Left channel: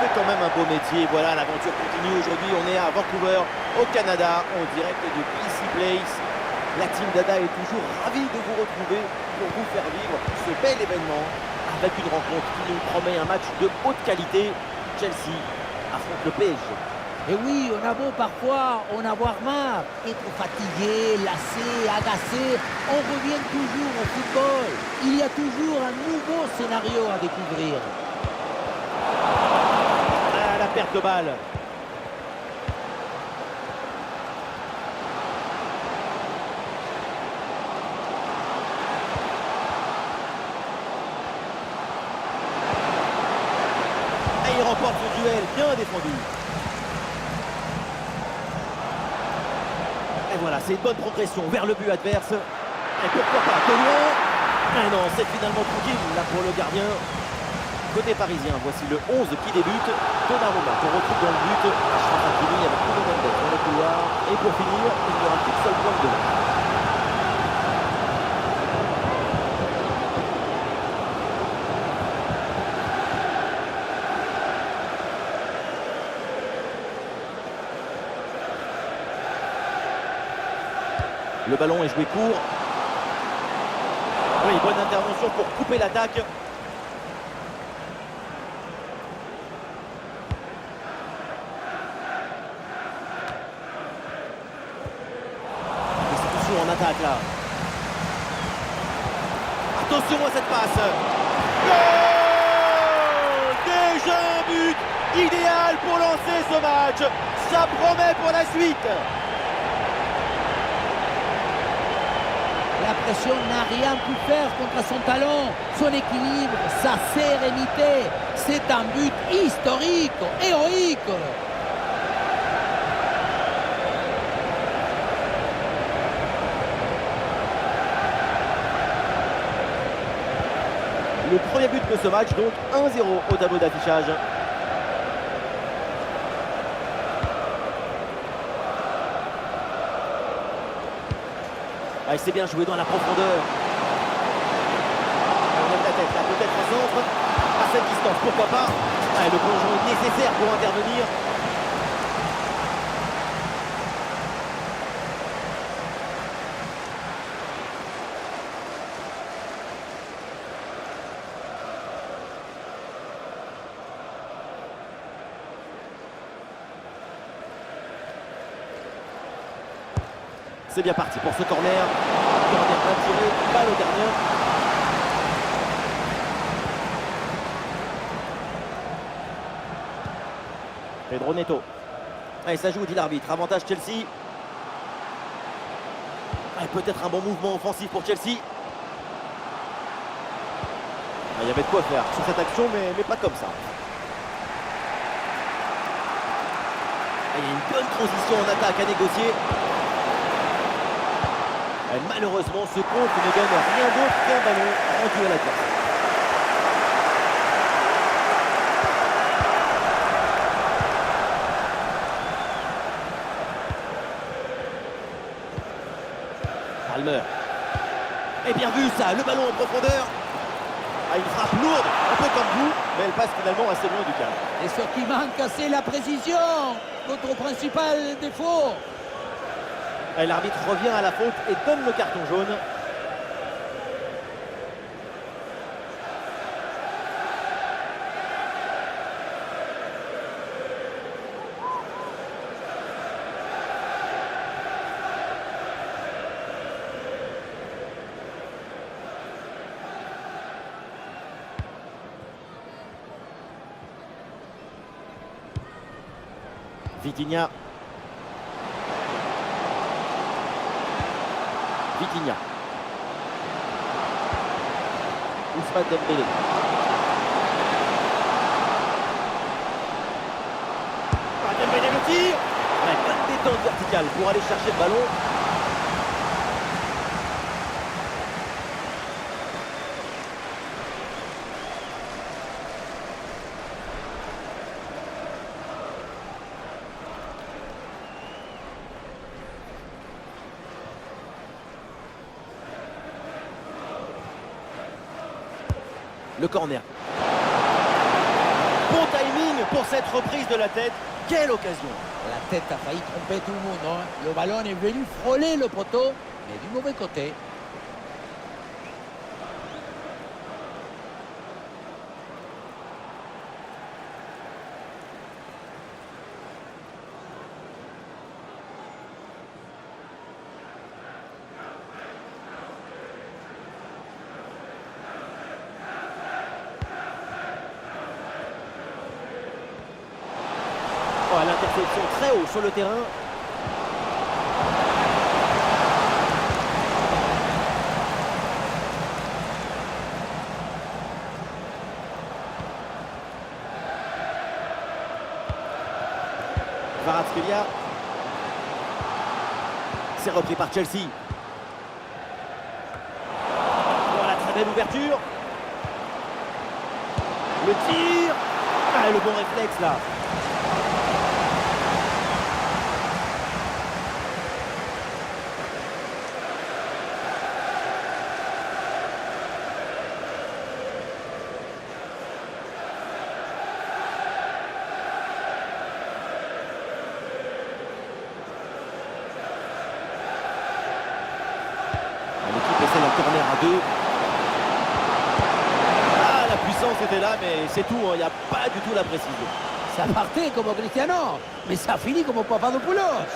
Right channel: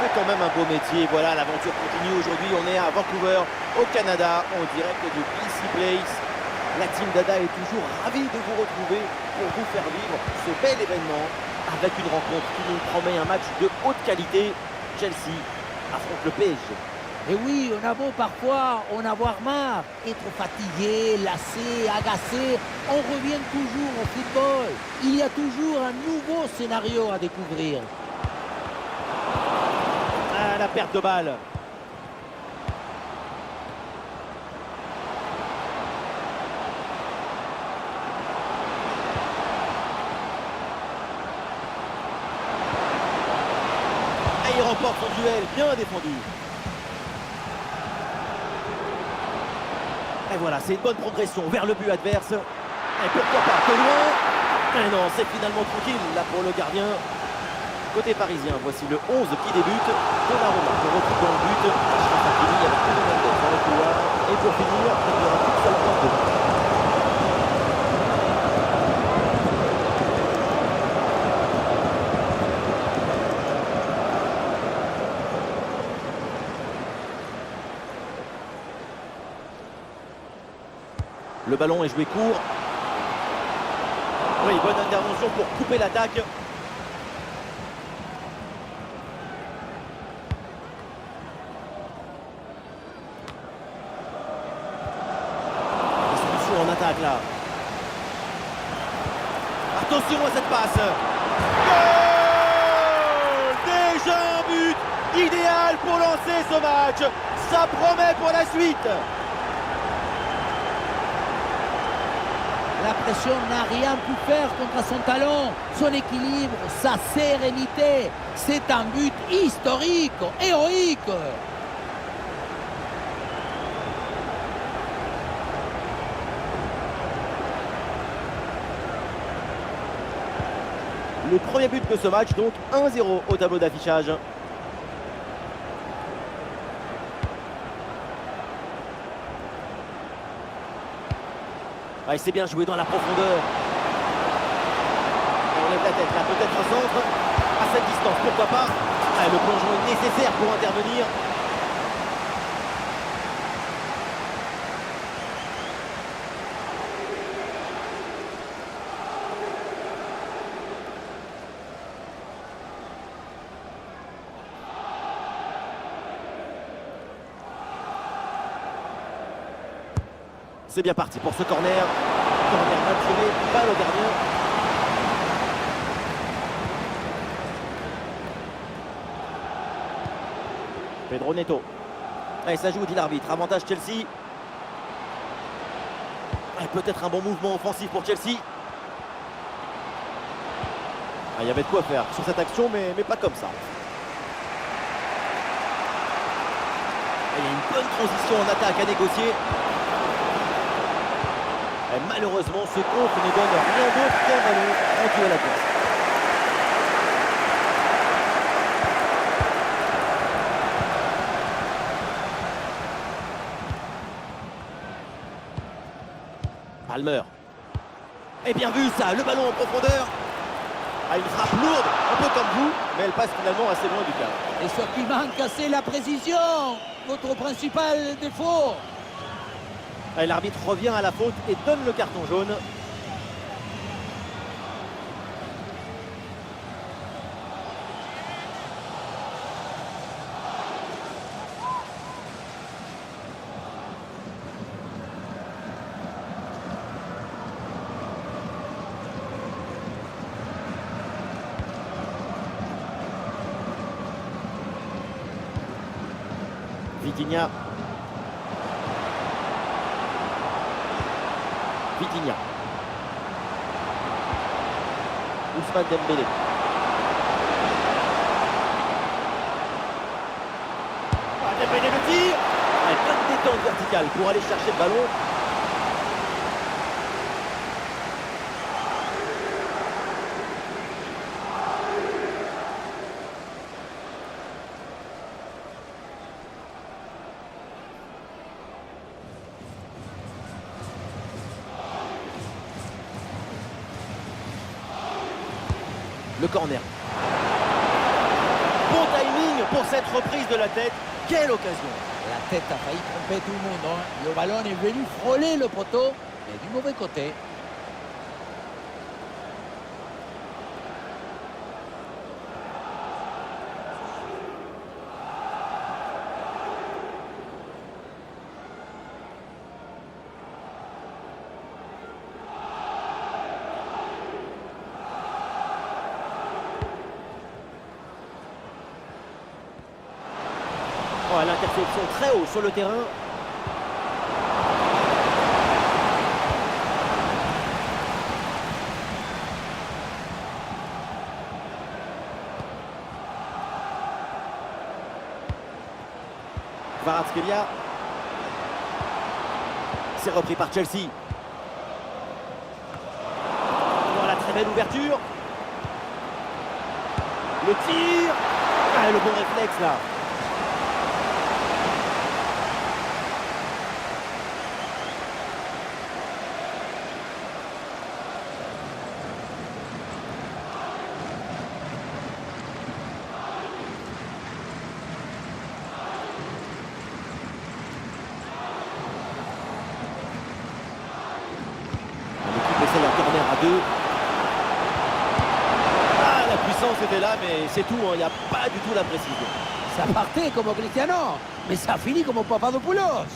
fait quand même un beau métier. Voilà, l'aventure continue. Aujourd'hui, on est à Vancouver, au Canada, en direct de BC Place. La team Dada est toujours ravie de vous retrouver pour vous faire vivre ce bel événement avec une rencontre qui nous promet un match de haute qualité. Chelsea affronte le PSG. Et oui, on a beau parfois en avoir marre, être fatigué, lassé, agacé, on revient toujours au football. Il y a toujours un nouveau scénario à découvrir. Ah, la perte de balle. Et il remporte son duel, bien défendu. Et voilà, c'est une bonne progression vers le but adverse. Et pourquoi pas, de loin. Mais non, c'est finalement tranquille là pour le gardien. Côté parisien, voici le 11 qui débute. Donnarumma qu'on retrouve dans le but. Achraf Hakimi avec Bruno Mendes dans le couloir. Et pour finir, il n'y aura qu'une seule pointe devant. Le ballon est joué court. Oui, bonne intervention pour couper l'attaque. Distribution en attaque là. Attention à cette passe. Goal! Déjà un but idéal pour lancer ce match. Ça promet pour la suite. La pression n'a rien pu faire contre son talent, son équilibre, sa sérénité. C'est un but historique, héroïque. Le premier but de ce match, donc 1-0 au tableau d'affichage. Ah, il s'est bien joué dans la profondeur. Et on lève la tête là, peut-être un centre. À cette distance, pourquoi pas. Ah, le plongeon est nécessaire pour intervenir. C'est bien parti pour ce corner. Corner mal tiré, balle au gardien. Pedro Neto. Allez, ça joue, dit l'arbitre. Avantage Chelsea. Peut-être un bon mouvement offensif pour Chelsea. Ah, il y avait de quoi faire sur cette action, mais pas comme ça. Ah, il y a une bonne transition en attaque à négocier. Et malheureusement, ce contre ne donne rien d'autre qu'un ballon rendu à l'adversaire. Palmer. Et bien vu ça, le ballon en profondeur. Ah, une frappe lourde, un peu comme vous, mais elle passe finalement assez loin du cadre. Et ce qui manque, c'est la précision. Votre principal défaut. Et l'arbitre revient à la faute et donne le carton jaune. Vitinha. Vitinha. Ousmane Dembélé. Ah, Dembélé le tir. Ouais, bonne détente verticale pour aller chercher le ballon. Le corner. Bon timing pour cette reprise de la tête. Quelle occasion! La tête a failli tromper tout le monde, hein. Le ballon est venu frôler le poteau, mais du mauvais côté. Oh, l'interception très haut sur le terrain. Kvaratskhelia. C'est repris par Chelsea. Voilà, très belle ouverture. Le tir. Ah, le bon réflexe là. L'équipe essaye un corner à 2. Ah, la puissance était là, mais c'est tout, hein. Il n'y a pas du tout la précision. Ça partait comme Cristiano, mais ça finit comme Papadopoulos.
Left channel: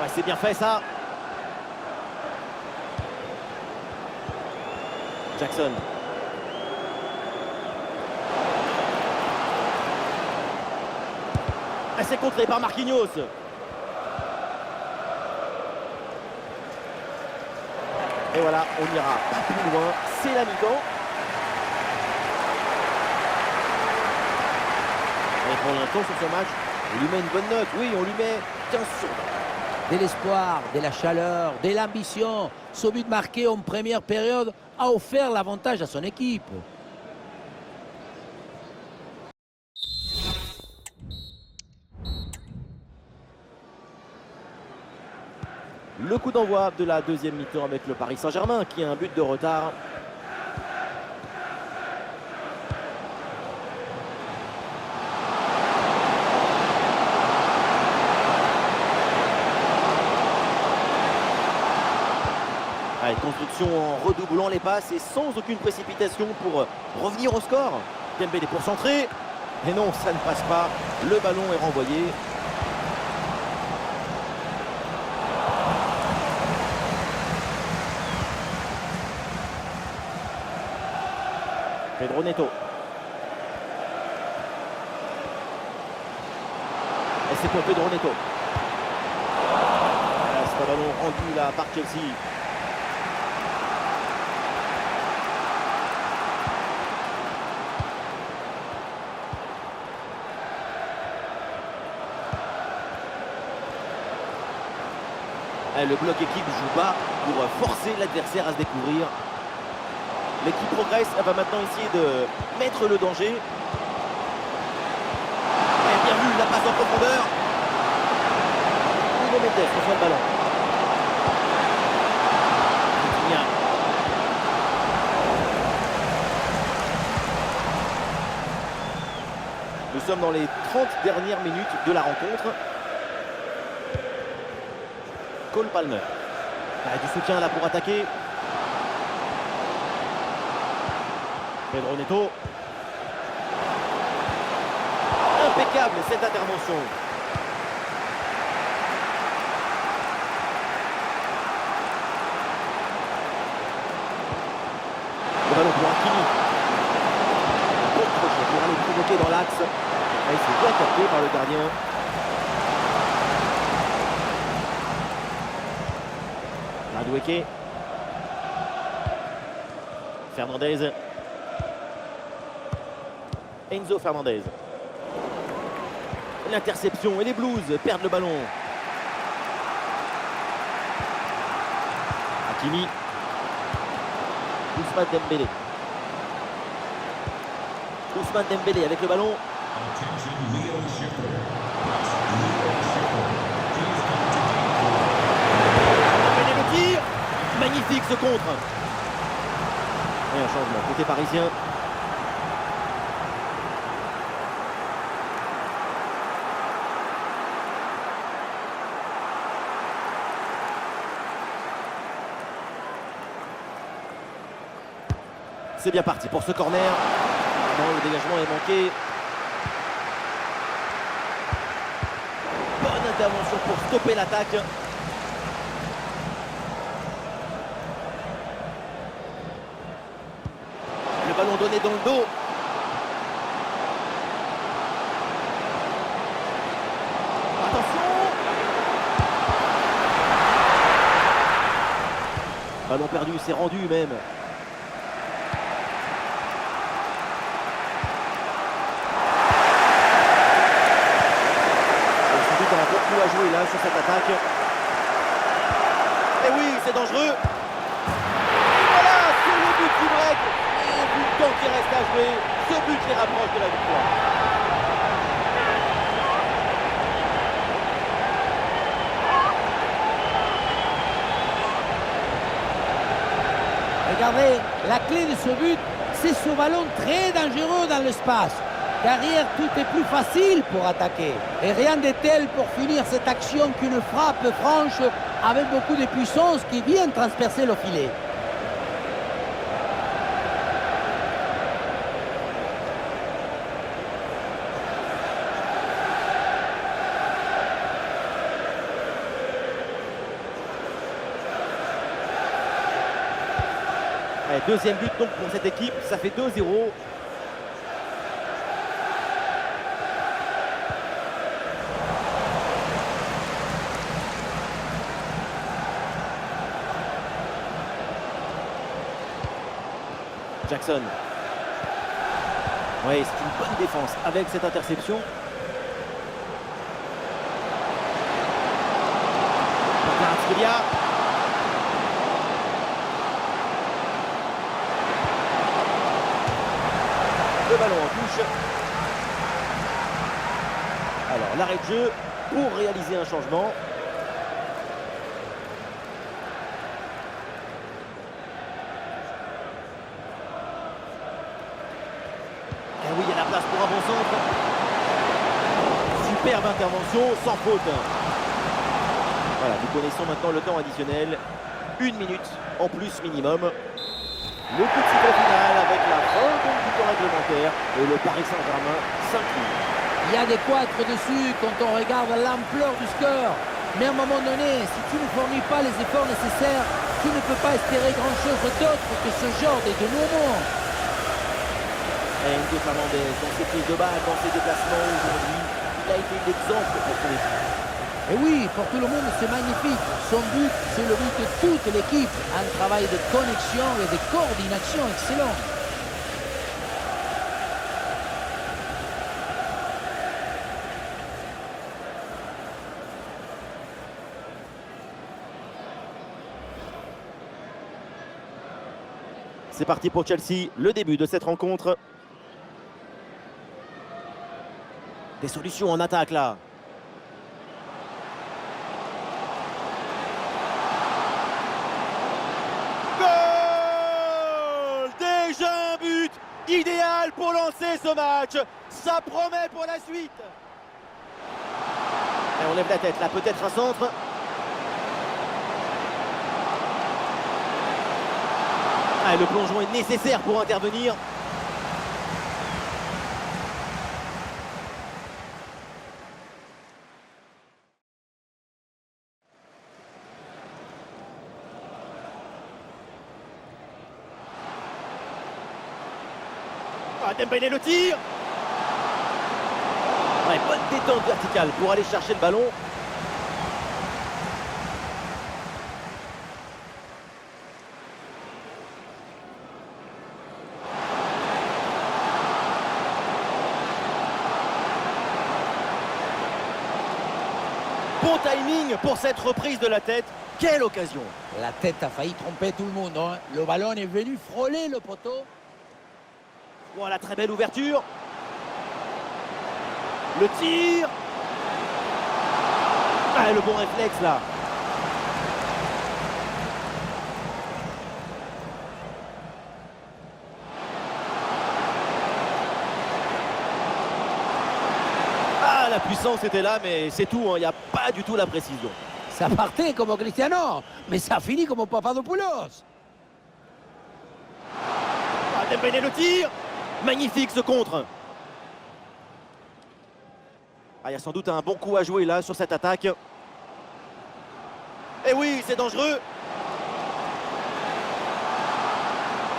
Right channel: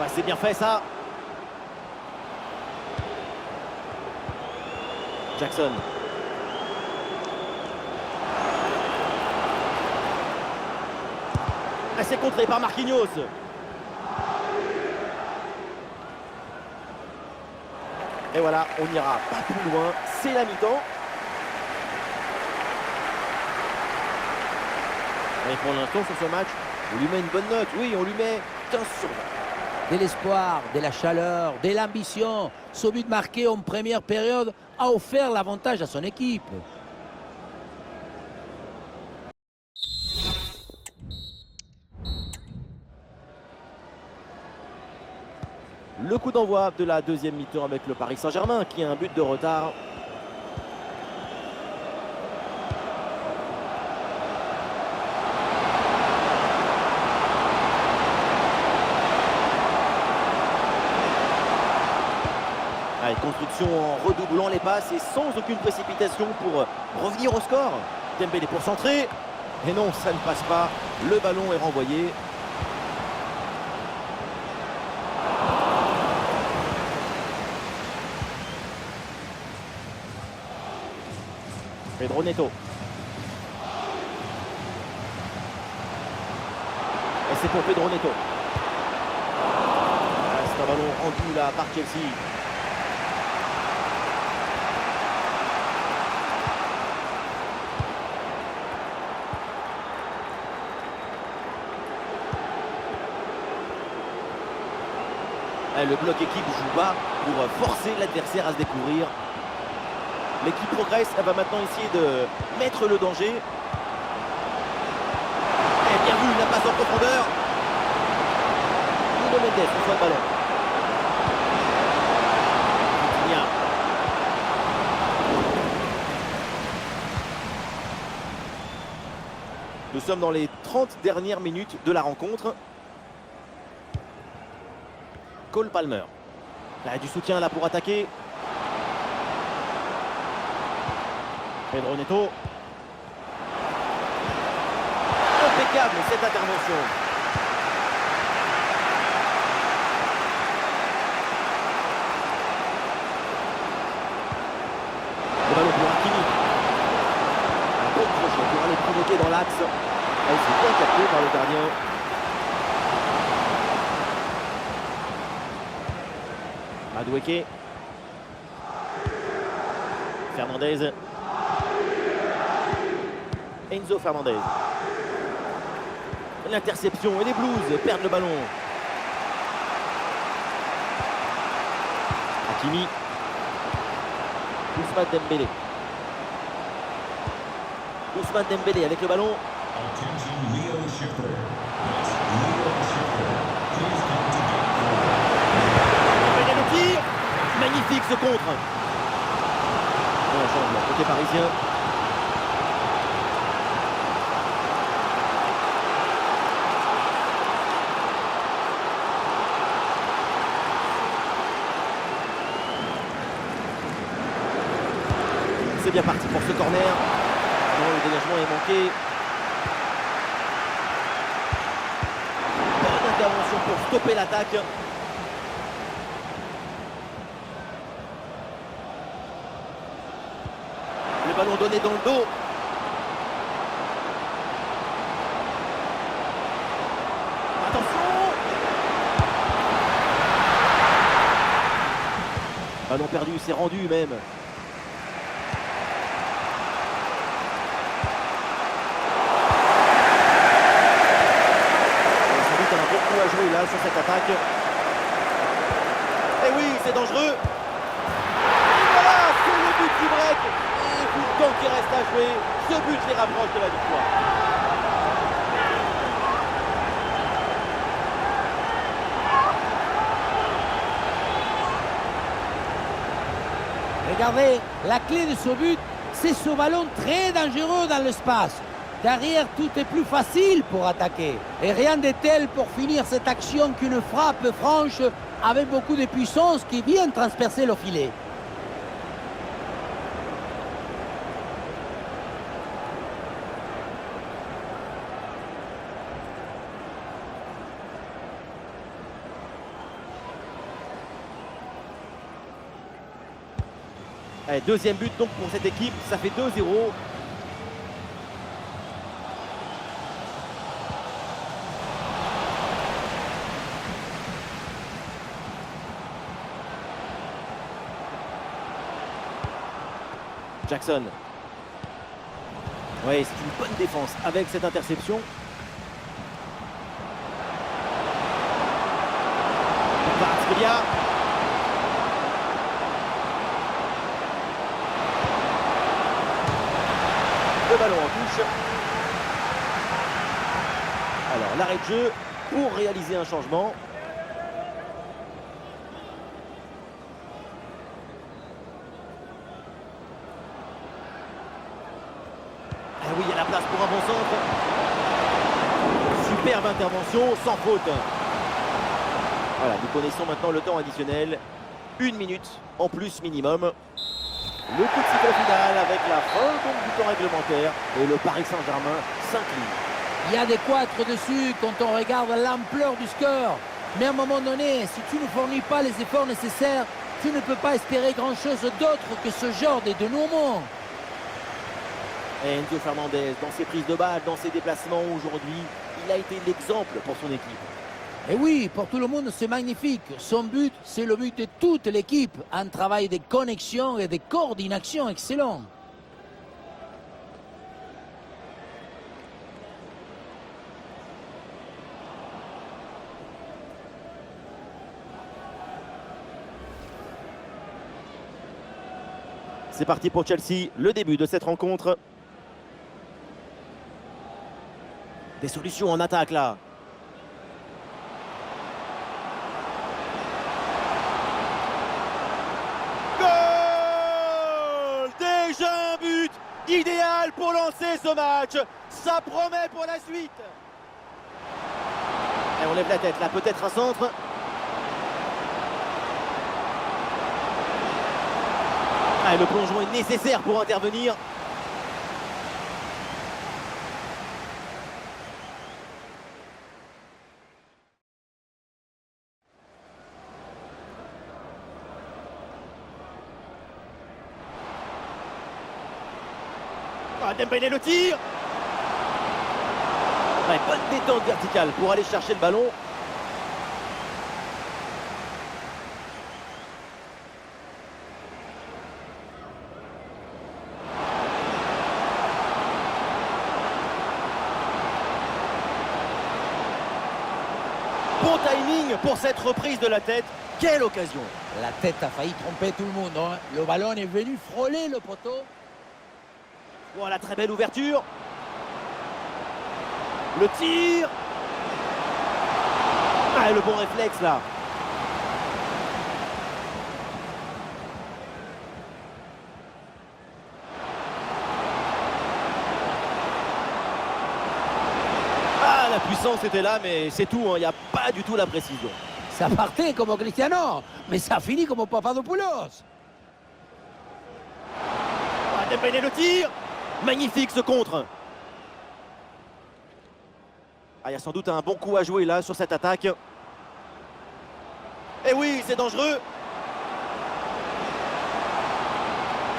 Ouais, c'est bien fait ça. Jackson. Et c'est contré par Marquinhos. Et voilà, on n'ira pas plus loin. C'est la mi-temps. Et pour l'instant sur ce match, on lui met une bonne note. Oui, on lui met 15 sur 20. De l'espoir, de la chaleur, de l'ambition. Ce but marqué en première période a offert l'avantage à son équipe. Le coup d'envoi de la deuxième mi-temps avec le Paris Saint-Germain qui a un but de retard. Allez, construction en redoublant les passes et sans aucune précipitation pour revenir au score. Dembélé pour centrer. Et non, ça ne passe pas. Le ballon est renvoyé. Pedro Neto. Et c'est pour Pedro Neto. Ah, c'est un ballon rendu là par Chelsea. Le bloc équipe joue bas pour forcer l'adversaire à se découvrir. L'équipe progresse, elle va maintenant essayer de mettre le danger. Et bien vu, la passe en profondeur. Nuno Mendes reçoit le ballon. Vitinha. Nous sommes dans les 30 dernières minutes de la rencontre. Cole Palmer. Il y a du soutien là pour attaquer. Pedro Neto. Impeccable cette intervention. Le ballon pour Hakimi. Un bon crochet pour aller provoquer dans l'axe. Il s'est bien capté par le gardien. Madueke. Enzo Fernandez. L'interception et les Blues perdent le ballon. Hakimi. Ousmane Dembélé. Ousmane Dembélé avec le ballon. Attention, Leo Schiffer. That's Leo Schiffer. Please come to gate 4. Dembélé le tir. Magnifique ce contre. Et un changement côté parisien. C'est bien parti pour ce corner. Pardon, le dégagement est manqué. Bonne intervention pour stopper l'attaque. Le ballon donné dans le dos. Attention! Ballon perdu, c'est rendu même. Sans doute un bon coup à jouer là sur cette attaque. Et oui, c'est dangereux. Et voilà, c'est le but du break. Et vu le temps qui reste à jouer, ce but les rapproche de la victoire. Regardez, la clé de ce but, c'est ce ballon très dangereux dans l'espace. Derrière, tout est plus facile pour attaquer. Et rien de tel pour finir cette action qu'une frappe franche avec beaucoup de puissance qui vient transpercer le filet. Allez, deuxième but donc pour cette équipe, ça fait 2-0. Jackson. Oui, c'est une bonne défense avec cette interception. Pour Kvaratskhelia. Le ballon en touche. Alors l'arrêt de jeu pour réaliser un changement. Et oui, il y a la place pour un bon centre. Superbe intervention, sans faute. Voilà, nous connaissons maintenant le temps additionnel. 1 minute en plus minimum. Le coup de sifflet final avec la fin donc du temps réglementaire. Et le Paris Saint-Germain s'incline. Il y a de quoi être dessus quand on regarde l'ampleur du score. Mais à un moment donné, si tu ne fournis pas les efforts nécessaires, tu ne peux pas espérer grand-chose d'autre que ce genre de dénouement. Et Enzo Fernandez, dans ses prises de balle, dans ses déplacements aujourd'hui, il a été l'exemple pour son équipe. Et oui, pour tout le monde, c'est magnifique. Son but, c'est le but de toute l'équipe. Un travail de connexion et de coordination excellent. C'est parti pour Chelsea, le début de cette rencontre. Des solutions en attaque là. Goal! Déjà un but idéal pour lancer ce match. Ça promet pour la suite. Et on lève la tête là, peut-être un centre. Ah, le plongeon est nécessaire pour intervenir. Ah, Dembélé le tir. Ouais, bonne détente verticale pour aller chercher le ballon. Bon timing pour cette reprise de la tête. Quelle occasion! La tête a failli tromper tout le monde, hein. Le ballon est venu frôler le poteau. Voilà, très belle ouverture. Le tir. Ah, le bon réflexe là. Ah, la puissance était là, mais c'est tout, hein. Il n'y a pas du tout la précision. Ça partait comme Cristiano, mais ça finit comme Papadopoulos. Ah, Dembélé le tir. Magnifique ce contre. Ah, il y a sans doute un bon coup à jouer là sur cette attaque. Et oui, c'est dangereux.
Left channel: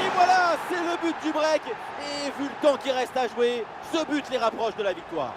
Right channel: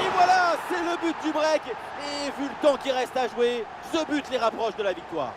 Et voilà, c'est le but du break. Et vu le temps qui reste à jouer, ce but les rapproche de la victoire.